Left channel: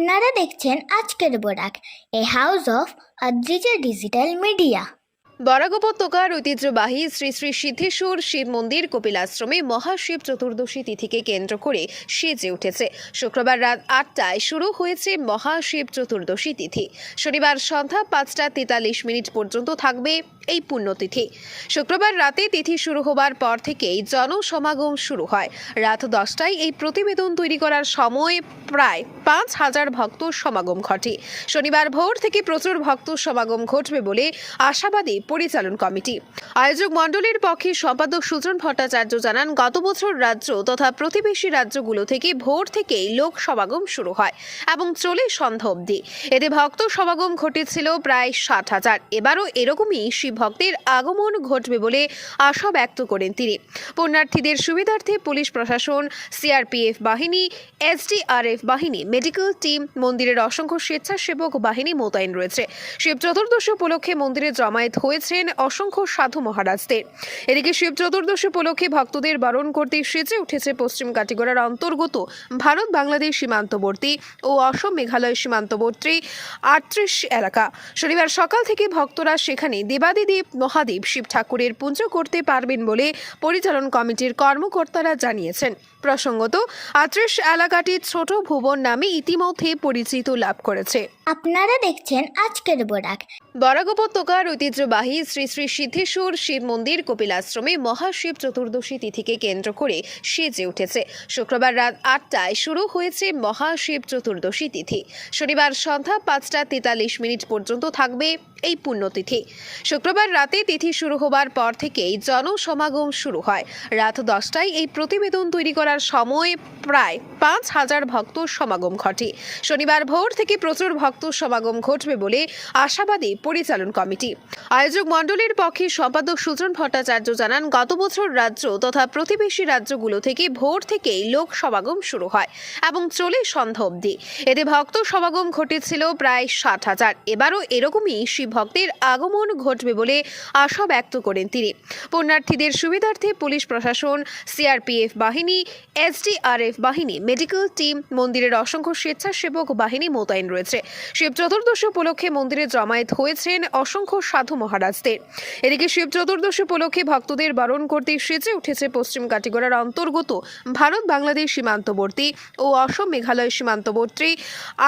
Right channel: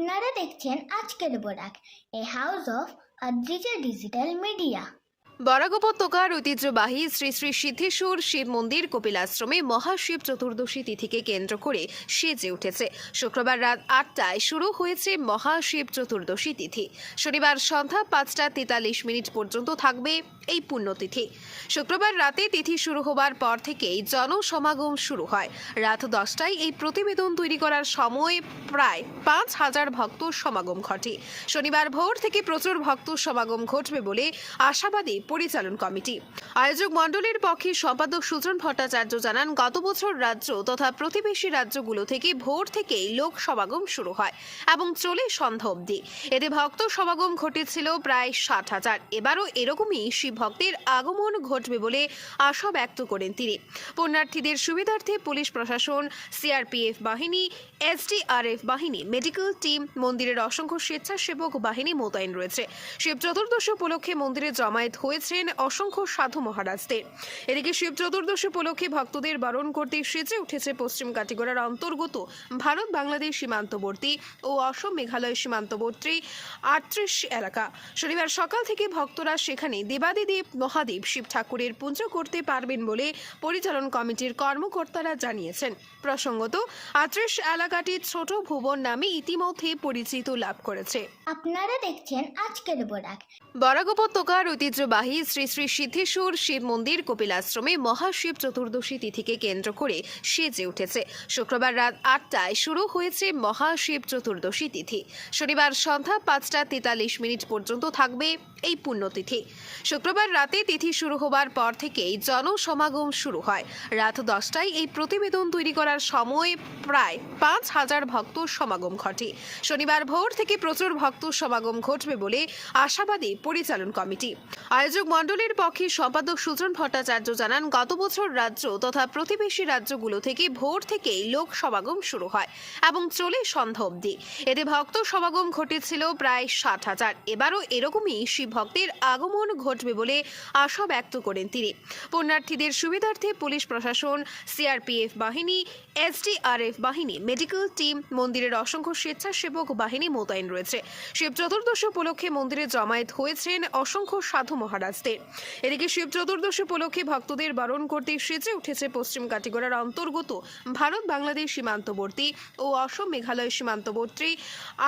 আপনারা দেখছেন আজকের Barak, a house of Adrija digital media. Barak উপত্যকার ঐতিহ্যবাহী শ্রী শ্রী সিদ্ধেশ্বর শিব মন্দির কপিলাশ্রমে মহাশিব চতুর্দশী তিথিকে কেন্দ্র করে সেজে উঠেছে। শুক্রবার রাত ৮টায় শুরু হয়েছে মহাশিব চতুর্দশী তিথি। শনিবার সন্ধ্যা ৫টা ৪৩ পর্যন্ত থাকবে এই পুণ্যতিথি। শুক্রবার রাতে তিথি শুরু হবার পর থেকেই জনসমাগম শুরু হয়। রাত ১০টায় এই প্রতিবেদন তৈরি করার সময় প্রায় ৫,০০০ ভক্ত সমাগম ঘটে। শনিবার ভোর থেকে প্রচুর ভক্ত সমাগম ঘটবে বলে আশাবাদী পরিচালন কমিটি। আয়োজক মণ্ডলীর পক্ষে সম্পাদক সুজন ভট্টাচার্য জানান, গত বছর রাজ্য তথা প্রতিবেশী রাজ্যগুলো থেকে ভোর থেকেই লোক সমাগম শুরু হয় এবং চলে সন্ধ্যা অবধি। এতে ভক্ত সমাগম ঘটেছিল প্রায় ৬০,০০০। এবারও এরকমই শিব ভক্তের আগমন ঘটবে বলে আশা ব্যক্ত করেন তিনি। পুণ্যার্থীদের সুবিধার্থে পুলিশ প্রশাসন, সিআরপিএফ বাহিনী, এসডিআরএফ বাহিনী, মেডিকেল টিম, মন্দিরের অসংখ্য স্বেচ্ছাসেবক বাহিনী মোতায়েন রয়েছে। শিব চতুর্দশী উপলক্ষে মন্দিরে জমায়েত হয়েছেন অসংখ্য সাধু মহারাজদের। এদিকে শিব চতুর্দশী উপলক্ষে ভক্তদের বরণ করতে সেজে উঠেছে পশ্চিম কাটিগড়ার অন্তর্গত ভারত বাংলাদেশ সীমান্তবর্তী ও অসম মেঘালয় সীমান্তবর্তী ৩৮ এলাকা। শনিবার সকাল থেকে ভক্তরা সেখানে দেবাদিদেব মহাদেব শিব ঠাকুরের পুজো করতে পারবেন বলে পরিচালন কমিটির কর্মকর্তারা জানিয়েছেন। প্রসঙ্গত, ৩৮ এলাকাটি ছোট ভুবন নামে ইতিমধ্যে পরিচিত লাভ করেছে। আপনারা দেখছেন আজকের বরাক। বরাক উপত্যকার ঐতিহ্যবাহী শ্রী শ্রী সিদ্ধেশ্বর শিব মন্দির কপিলাশ্রমে মহাশিব চতুর্দশী তিথিকে কেন্দ্র করে সেজে উঠেছে। শুক্রবার রাত ৮টায় শুরু হয়েছে মহাশিব চতুর্দশী তিথি। শনিবার সন্ধ্যা ৫টা ৪৩ পর্যন্ত থাকবে এই পুণ্যতিথি। শুক্রবার রাতে তিথি শুরু হবার পর থেকেই জনসমাগম শুরু হয়। রাত ১০টায় এই প্রতিবেদন তৈরি করার সময় প্রায় ৫,০০০ ভক্ত সমাগম ঘটে। শনিবার ভোর থেকে প্রচুর ভক্ত সমাগম ঘটবে বলে আশাবাদী পরিচালন কমিটি। আয়োজক মণ্ডলীর পক্ষে সম্পাদক সুজন ভট্টাচার্য জানান, গত বছর রাজ্য তথা প্রতিবেশী রাজ্যগুলো থেকে ভোর থেকেই লোক সমাগম শুরু হয় এবং চলে সন্ধ্যা অবধি। এতে ভক্ত সমাগম ঘটেছিল প্রায় ৬০,০০০। এবারও এরকমই শিব ভক্তের আগমন ঘটবে বলে আশা ব্যক্ত করেন তিনি। পুণ্যার্থীদের সুবিধার্থে পুলিশ প্রশাসন, সিআরপিএফ বাহিনী, এসডিআরএফ বাহিনী, মেডিকেল টিম, মন্দিরের অসংখ্য স্বেচ্ছাসেবক বাহিনী মোতায়েন রয়েছে। শিব চতুর্দশী উপলক্ষে মন্দিরে জমায়েত হয়েছেন অসংখ্য সাধু মহারাজদের। এদিকে শিব চতুর্দশী উপলক্ষে ভক্তদের বরণ করতে সেজে উঠেছে পশ্চিম কাটিগড়ার অন্তর্গত ভারত বাংলাদেশ সীমান্তবর্তী ও অসম মেঘালয় সীমান্তবর্তী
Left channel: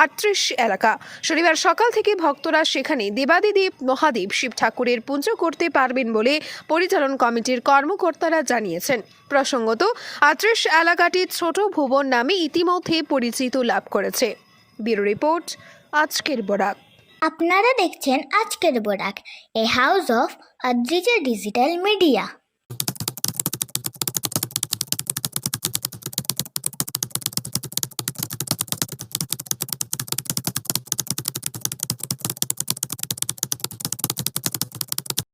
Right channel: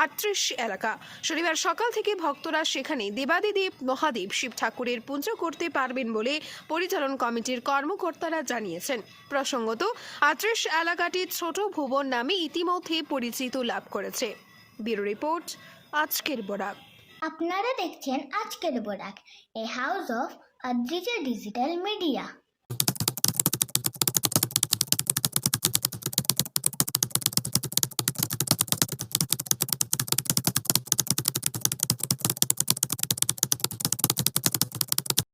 ৩৮ এলাকা। শনিবার সকাল থেকে ভক্তরা সেখানে দেবাদিদেব মহাদেব শিব ঠাকুরের পুজো করতে পারবেন বলে পরিচালন কমিটির কর্মকর্তারা জানিয়েছেন। প্রসঙ্গত, ৩৮ এলাকাটি ছোট ভুবন নামে ইতিমধ্যে পরিচিত লাভ করেছে। ব্যুরো রিপোর্ট, আজকের বরাক। আপনারা দেখছেন আজকের Barak, a house of Adrija digital media.